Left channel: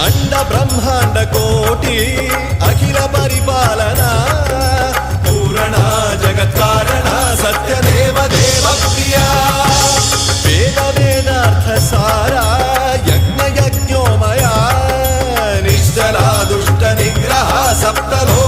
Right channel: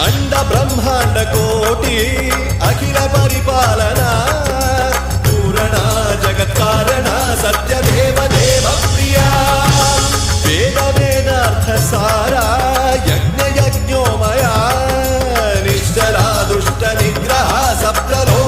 अंड ब्रह्मांड कोटि अखिल परिपालना पूरणा जगत्कारणा सत्यदेव देव प्रिया वेद वेदार्थ सारा यज्ञ यज्ञोमया निश्चला दुष्ट निग्रह सप्तलो